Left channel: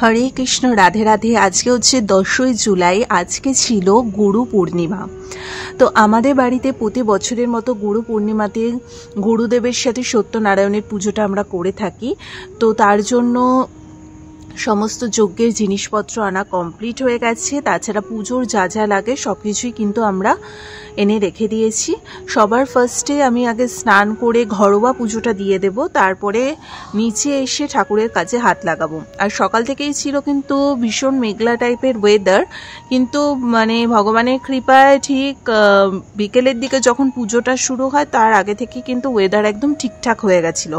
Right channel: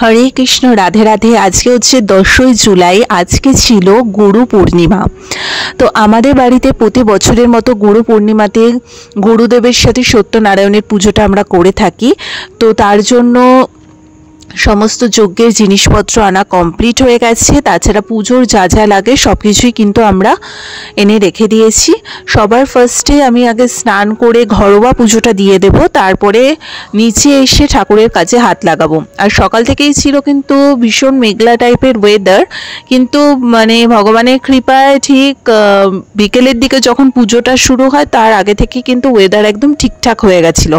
হরে কৃষ্ণ, রাধে রাধে। আজকে হচ্ছে 10ই জুলাই। আজকে ছিল গুরু পূর্ণিমা। তো আমাদের বাড়িতে প্রতি বছরের মতো গুরু পূর্ণিমাতে গুরুদেবের সাথে সত্যনারায়ণের পুজোটা আমরা করে থাকি। তো তার জন্য সমস্ত যজ্ঞের জিনিসপত্র আনা কমপ্লিট হয়ে গেছে। তাছাড়া পুজোর যা যা লাগে সব কিছুই কিন্তু আমরা এনে রেখে দিয়েছি। সবার ফার্স্টে আমি আগে স্নান করে ঘরোয়া পুজোটা দিয়ে দেব, তারপরে নিচে এসে ঠাকুরের কাছে হাত লাগাবো। আর সকাল থেকেই ছিল কিন্তু ভীষণ মেঘলা টাইপের ওয়েদার, কিন্তু মানে ভগবানের কৃপায় ঠিক বিকেলের দিকে যখন পুজোটা শুরু হয় তার আগে থেকে কিন্তু ওয়েদার একদম ঠিকঠাক হয়ে গেছিলো,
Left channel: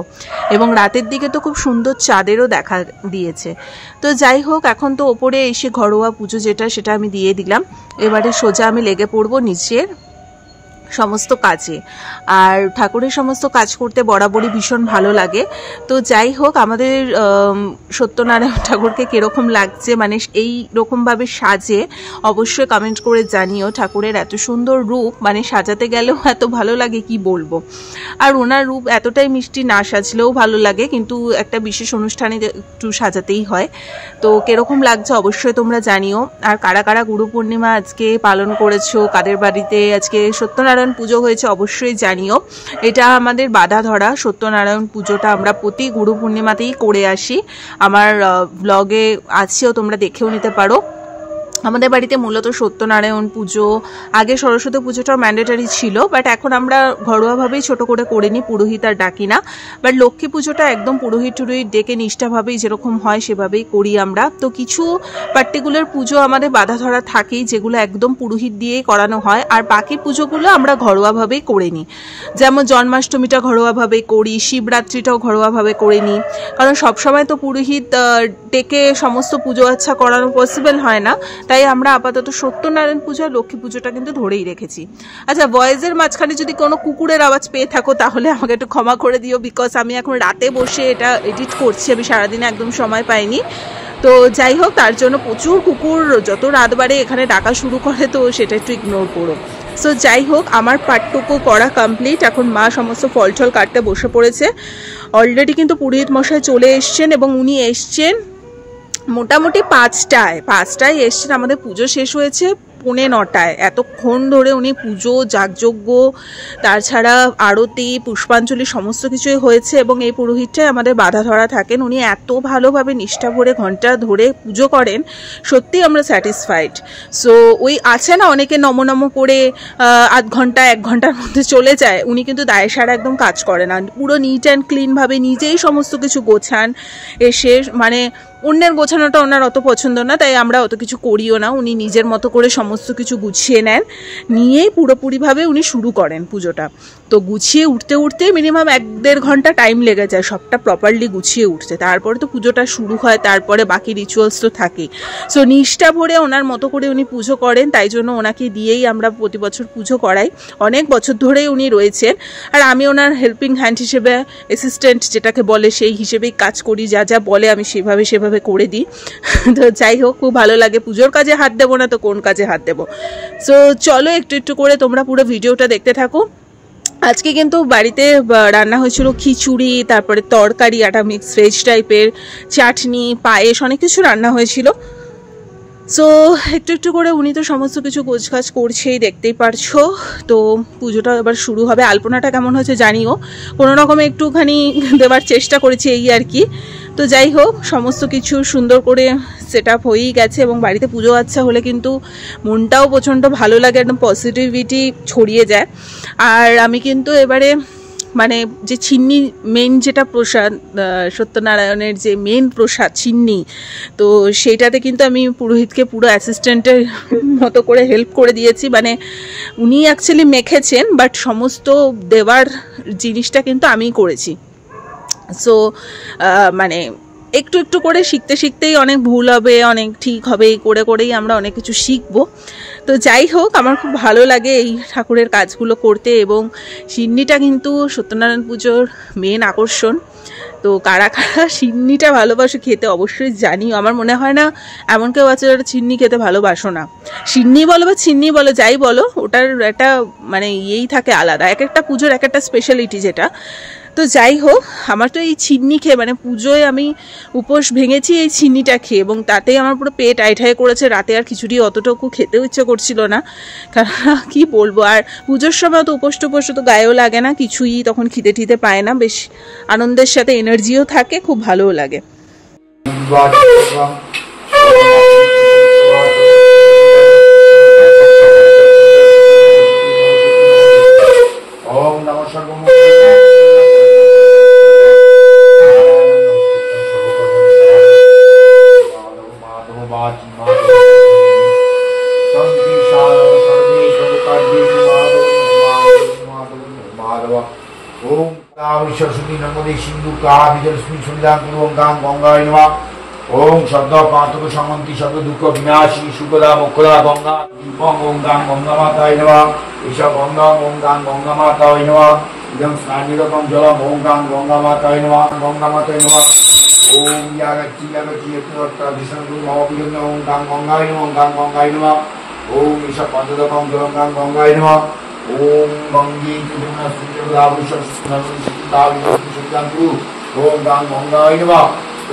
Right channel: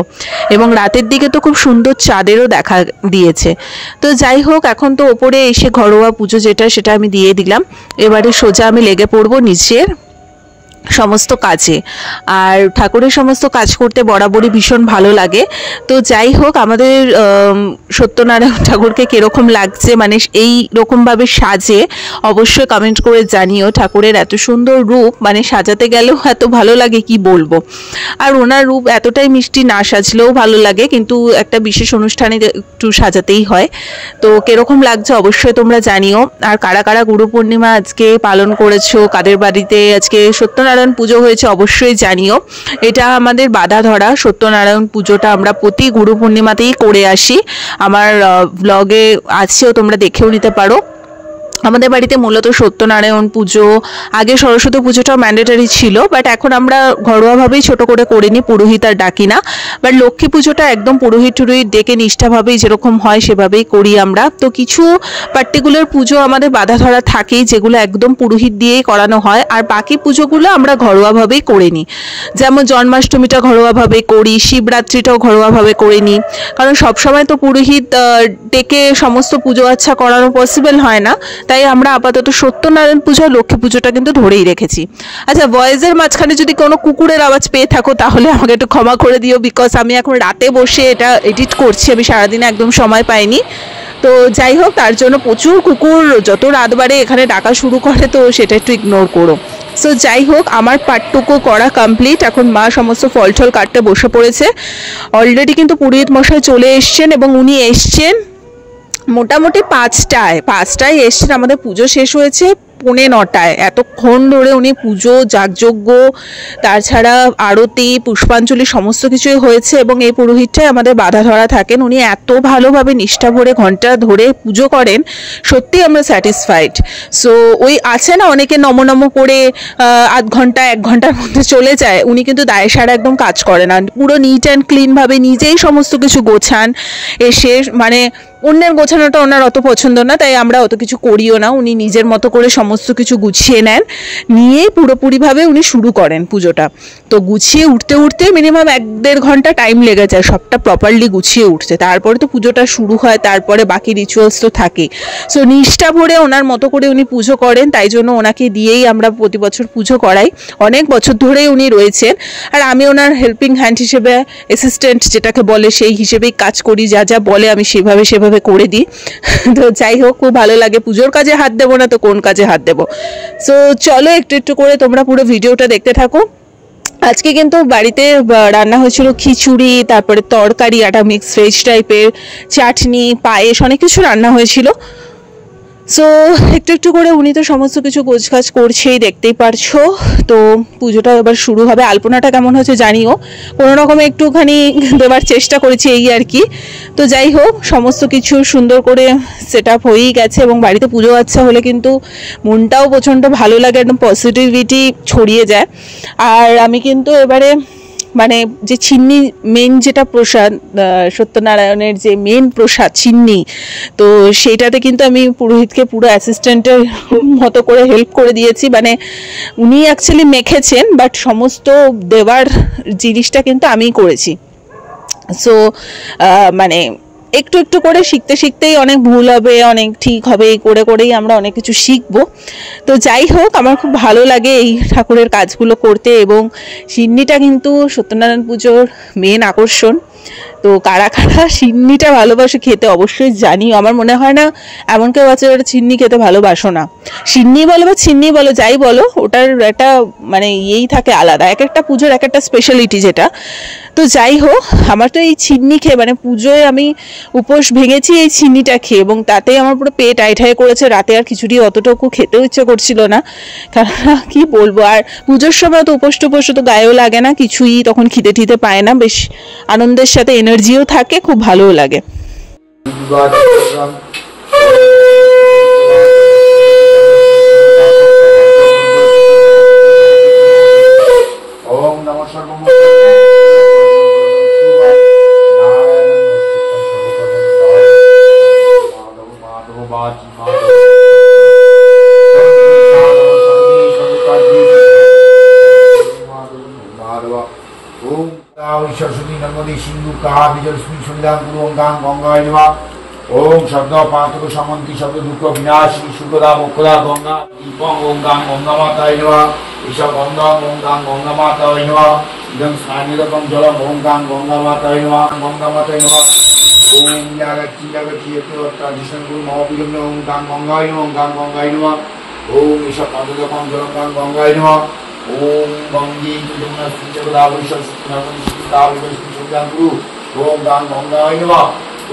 এবং রাতের দিকে তো খুব সুন্দর চাঁদেরও দেখা দিয়েছে। তো যাই হোক, এখন তো ওপরে এসে ঘরোয়া পুজো সেটা আমি দিয়ে দিলাম। এবারে সোজা আমি লেগে পড়বো নিচের সমস্ত কাজে। আর ঠাকুরের সমস্ত কাজ করতে বরাবরই ভীষণ ভালো লাগে। তো যাই হোক, আমাদের সত্যনারায়ণ ঠাকুরকে কীরকম লাগছে, মানে এই রকমভাবে সাজে অবশ্যই কমেন্ট করে জানিও। ঠাকুরের এত সুন্দর রূপ, মানে সাজাতে গেলেও এত ভালো লাগে কি বলবো। আর ওনার রূপ এতটাই মিষ্টি, না সাজলেও ভালো লাগে, কিন্তু একটা বিশেষ অনুষ্ঠানে একটু সাজাতেই হয়। তো কীরকম লাগছে অবশ্যই তোমরা জানিও। আর কারা কারা গুরু পূর্ণিমা আজকে পালন করেছো, কাদের বাড়িতে আজকে সত্যনারায়ণ পুজো হয়েছে অবশ্যই জানিও। এটা আমাদের বাধা ধরা সত্যনারায়ণ পুজোটা আমরা প্রতি গুরু পূর্ণিমাতেই করে আসি। আমার ব্লগে আছেও, তোমরা দেখেও নিতে পারো। আমাদের বাড়িতে মূলত সত্যনারায়ণ পুজো, আগে সরস্বতী পুজোটাও ম্যান্ডেটারি ছিল, বাট এখন আমরা ঘরোয়াভাবেই ছোট করে করিনি, পুরোহিত আর ডাকি না। বাট লক্ষ্মী পুজোটা একদম পুরোহিত টুরোহিত ডেকে নিষ্ঠাভাবেই যেরকম হয় সেভাবেই করি আমরা। তো কিছু পার্টিকুলার পুজো আমাদের বাধা ধরা থাকেই, যেগুলো একদম পুরোহিত দিয়েই করানো হয়, আর বাকি পুজোগুলো আমরা ঘরোয়াভাবেই করে নিই। যেমন জন্মাষ্টমীটা ঘরোয়াভাবে করি, শিবরাত্রিটাও ঘরোয়াভাবে করে নিই, কারণ সবসময় তো পুরোহিত ডেকে সমস্ত পুজো আচ্ছা করানো পসিবল হয় না। তাই আমরা আপাতত সত্যনারায়ণ পুজো, লক্ষ্মী পুজোটা কিন্তু ধরেই রেখেছি। আচ্ছা, ভয়েসের মাঝখানে যদি কোনো কুকুরের আওয়াজ পেয়ে থাকো তাহলে আমাকে একটু ক্ষমা করে দিও, বিকজ আমি এখন রাতে বসে এটা এডিট করছি, আমি সারাদিনে একদম সময় পাইনি। তো যাই হোক, তার জন্য প্রচুর কুকুর যত রাত বাড়ে এখানে ডাকা শুরু করে, তো সেটা একটু ইগনোর করো। সো যাই হোক, আমার পার্টটুকু করা কমপ্লিট। এখন মা সমস্ত ফল টল কাটতে বসে পড়েছে। অলরেডি কিন্তু পুরোহিত মশাই চলে এসছেন, এবং উনি এসছেন মোটামুটি 5টায় এসছেন। আমাদের পুজো শেষ হয়েছে 9:45। এতক্ষণ ধরে উনি পুজো, যাগযজ্ঞ, তাছাড়া আরতি, পুষ্পাঞ্জলি সমস্ত কিছুই হয়েছে, এবং এই পুরোহিতটাই আমাদের বাধা ধরা থাকেন। উনি এত ভালোভাবে নিষ্ঠা ভরে ঘন্টা ধরে পুজো করেন, সত্যি আমরা স্যাটিসফাইড। সো ওই আছে না অনেকে নম করে আধ ঘন্টা 1 ঘন্টার মধ্যে চলে যায়, উনি কিন্তু দায় সারা একদম কাজ করে না, পুরো নিট অ্যান্ড ক্লিনভাবে নিজেই সমস্ত কিছু গোছান। এসে মানে অন্যের গোছানোটা ওনার অত পছন্দ না, তাই আমরা অত কিছু করিও না। উনি নিজের মতো করে সমস্ত কিছু গুছিয়ে নেন, নিয়েই পুরোপুরিভাবে উনি শুরু করেন পুজোটা। তো গুছিয়ে উঠতে মিনিমাম 1-1.5 ঘন্টা টাইম লেগে যায় সবটা প্রপারলি গুছিয়ে উঠতে। তারপরে তো পুজোটা শুরু হয়, তারপরে বাকি রিচুয়ালস তো থাকে। সো নিষ্ঠা ভরে ওনার মতো করে উনি পুজো করেন, তাই জন্য ওনাকে দিয়েই আমরা প্রতি বছর পুজো করাই। অনেক বছর ধরেই উনি রয়েছেন, আর আমি ওনার হেল্পিং হ্যান্ড হিসেবে, অ্যাসিস্ট্যান্ট যেটাকে বলে সেই হিসেবেই কাজ করি। যা যা বলে আমি সেভাবে করে দিই। তো যাই হোক, খুব ভালো লাগে। পুজোর কাজে হাত দেবো না তো কোন কাজে হাত দেবো। সো চলো একটু করে তোমরা পুরো ভিডিওটা দেখতে থাকো। আজকে কিন্তু বাড়িতে রান্না হয়েছিল খিচুড়ি, তারপরে তরকারি, একটা মিক্স ভেজ টাইপের, চাটনি, পায়েস, অনেক কিছু রান্না হয়েছিল। সো একটু করে উনি তো সমস্ত কিছু গোছগাছ করছেই, দেখতেই পারছো। তো পুজোটা এবার শুরু হবে। আলপনাটা কেমন হচ্ছে জানিও, কোনো রকমে একটুখানি দেওয়ার চেষ্টা করেছি, এই আর কি। তো যাই হোক, সমস্ত কিছু সুন্দর করে সেট আপ হয়েই গেছে, এবং বাড়িতে পুজো আচ্ছা হলে কিন্তু মনটাও প্রচণ্ড ভালো লাগে, একদম পজিটিভিটি ছড়িয়ে যায়। আর আমি কিন্তু এবারে মানে যে চিন্নি, মেন যেটা প্রসাদ, সত্যনারায়ণের যে মেন প্রসাদ চিন্নি, তো সেইটাতে কিন্তু আমি পুরোহিতকে পুরো অ্যাসিস্ট্যান্টের মতো করে হেল্প করে দিয়েছি। মানে উনি অ্যাকচুয়ালি মেখেছেন, বাট সমস্ত দেওয়ার জিনিসটা কিন্তু আমিই করেছি। সো মানে একটু করে শিখতেই অনেক ভুল হবে, অনেক ঠিক হবে, এই করেই আমরা অনেক কিছু শিখবো। তো যাই হোক, আমার খুব ভালো লাগে এই ঠাকুরের কাজগুলো করতে, এবং সিন্নিটা কিন্তু সত্যনারায়ণ পুজোর মেন আকর্ষণ। তো কারা কারা সিন্নিটা ভালোবাসে খেতে অবশ্যই জানি। আমার মনে হয় না এমন কেউ আছে যারা চিন্নি খেতে ভালোবাসো না। সিন্নি বলো বা চিন্নি বলো, যাই বলো, ওটার একটা মানে ইয়েই থাকে আলাদা, এক একটা পুজোর এক একটা স্পেশালিটি যেটা। তো যাই হোক, আমার তো এই চিন্নি খেয়ে মানে পুজোয় আমি উপোস ভেঙেছি এই চিন্নিটা খেয়ে, এবং তাতেই আমার পুরো পেট আইঠাই করেছে। রাতে আর খিচুড়ি অতটুকু খেতেও ইচ্ছে করছিল না, কারণ কি বলবো, আর পুজোর সময় তো উপোস টুপোস তো গায়েও লাগে না কিছুই, তখন খিদে টিতে পায় না, বেশ আনন্দের সাথে এনার্জিও থাকে, খুব ভালোও লাগে। सरस्वती नर्मदे सिंधु काजलस्मिन् सन्निधान कुरु ओं गां गंगाय नमः। ओं शब्द पातक समन्ति शब्द दुख विनाशिनी सुखदा मोक्षदा गंगा दीपं ओं गां गंगा माताय नमः। ईशा गंगा ओं गां गंगा माताय नमः। इदं स्नानिरकं जलम ओं गां गंगा माताय नमः। गंगा माताय नमः। ओं यागति यागति यत्वत्ता दिशं गुरु महापिगं ओं गां गंगाय नमः। ओं गां गंगाय नमः। ओं ईशा पंचदकं जलं गां गंगाय नमः। ओम गंगे जमुना सिंधु गुरु ओम गां गंगाय नमः।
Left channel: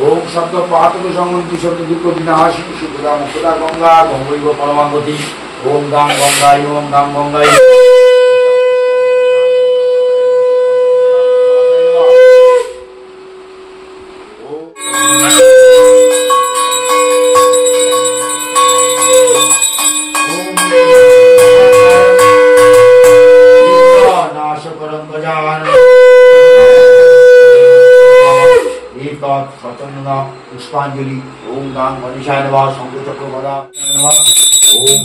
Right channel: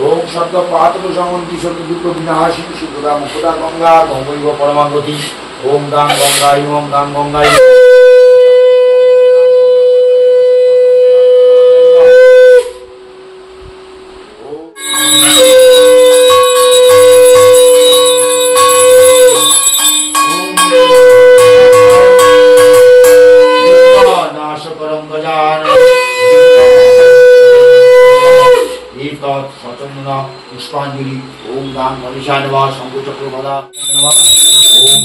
ओम शब्द पातक समन्ति शब्द दुख विनाशिनी सुखदा मुखदा गंगा गंगैव परमागति। ओम गां गंगाय नमः। ओम गां गंगाय पुष्पांजलि ओम गां गणेशाय नमः। शंकर चक्र गदा नमः। ओम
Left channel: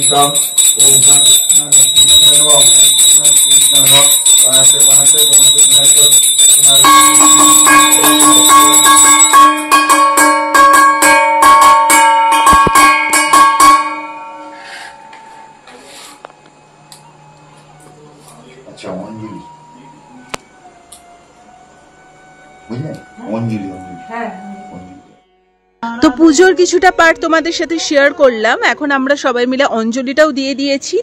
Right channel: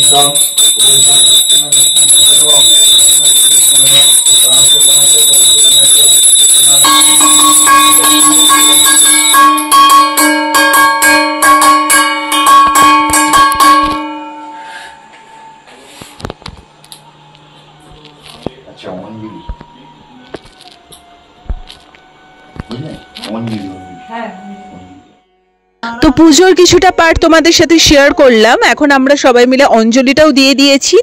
अच्छा তো পুজোর কিছুটা পার্ট তোমাদের সাথে শেয়ার করলাম, এখন আমরা সবাই মিলে অঞ্জলিটাও দিয়ে দিয়েছি।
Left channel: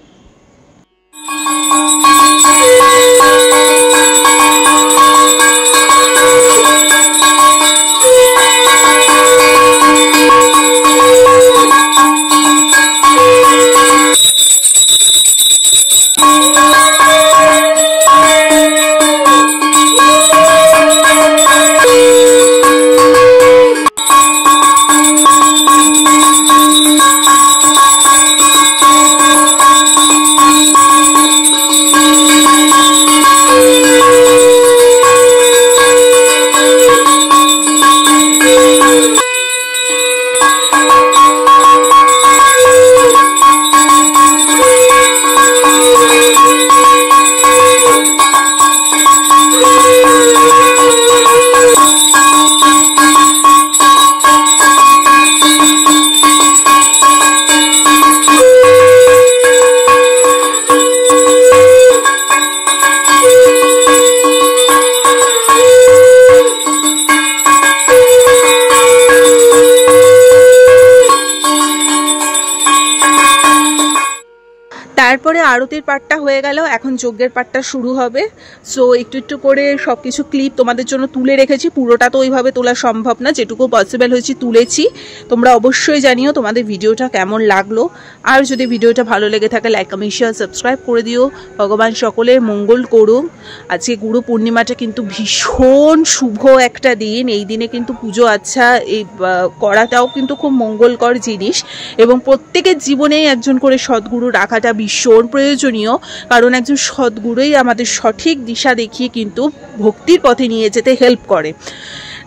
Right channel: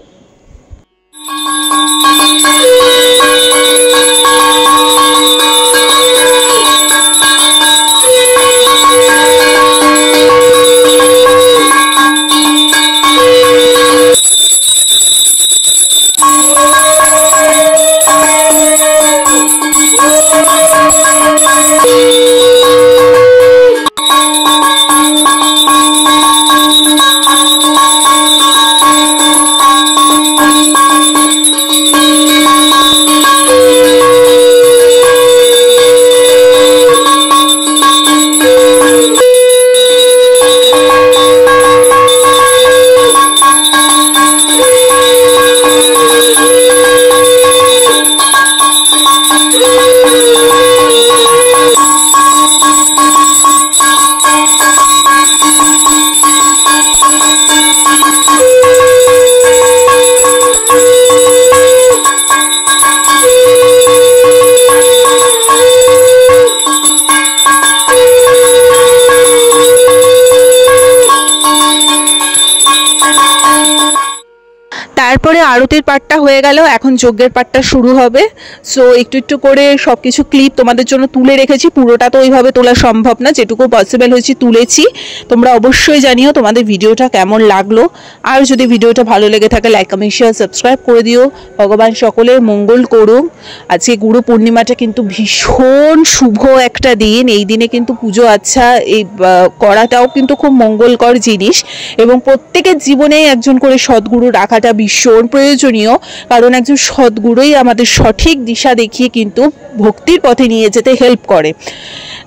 তারপরে আরতির পার্টটা হয়ে গেল, এখন যজ্ঞের পার্টটা শুরু হবে। সো একটু একটু করে সব কিছু ক্লিপ তোমাদের জন্য তুলে রেখেছি, পুরোটা তো ওইভাবে তোলা সম্ভব না, যেটুকু পসিবল হয়েছে তুলেছি। তোমরা অবশ্যই জানিও তোমাদের ভিডিওটা কেমন লাগলো, আর যদি ভিডিওটা ভালো লেগে থাকে লাইক কমেন্ট শেয়ার সাবস্ক্রাইব করে দিও। ভগবান সকলের মঙ্গল করুক। আজকে গুরু পূর্ণিমাটা কিন্তু ভীষণ শুভ একটা দিন, এই দিনে কিন্তু পুজো আচ্ছা এই করাটাও কিন্তু খুব মঙ্গলকর জিনিস, এবং প্রত্যেকের জীবনেই একজন করে সদ্গুরু রাখাটা ভীষণ প্রয়োজনীয়, কারণ একজন সদ্গুরুই আমাদের সঠিক দিশা দেখিয়ে কিন্তু ভক্তির পথে নিয়ে যেতে হেল্প করে।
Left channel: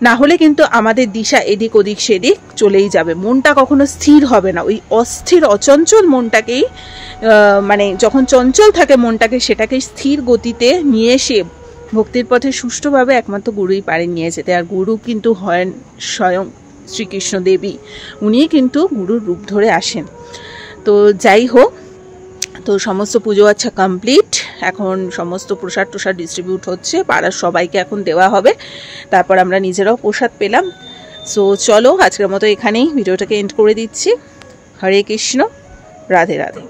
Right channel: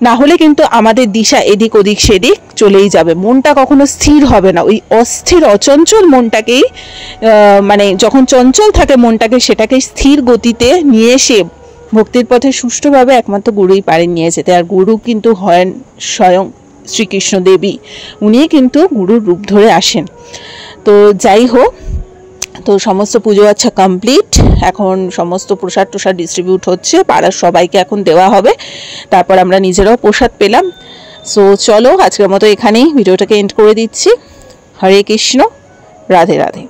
না হলে কিন্তু আমাদের দিশা এদিক ওদিক সেদিক চলেই যাবে, মনটা কখনো স্থির হবে না। ওই অস্থির অচঞ্চল মনটাকেই মানে যখন চঞ্চল থাকে মনটাকে, সেটাকে স্থির গতিতে নিয়ে এসে ভক্তির পথে সুষ্ঠুভাবে একমাত্র গুরুই পারেন নিয়ে যেতে। আর গুরু কিন্তু হন স্বয়ং শ্রীকৃষ্ণ দেবী, উনিই কিন্তু গুরুর রূপ ধরে আসেন। তো যাই হোক, তো সমস্ত পুজো আচ্ছা কমপ্লিট, এখন সমস্ত প্রসাদ টোসাদ ডিস্ট্রিবিউট হচ্ছে, পাড়ার সবাইকে এখন দেওয়া হবে, তারপর আমরা নিজেরাও প্রসাদ পেলাম। সো চলো আজকের মতো এখানেই ভিডিওটাকে এন্ড করে দিচ্ছি। হরে কৃষ্ণ, রাধে রাধে।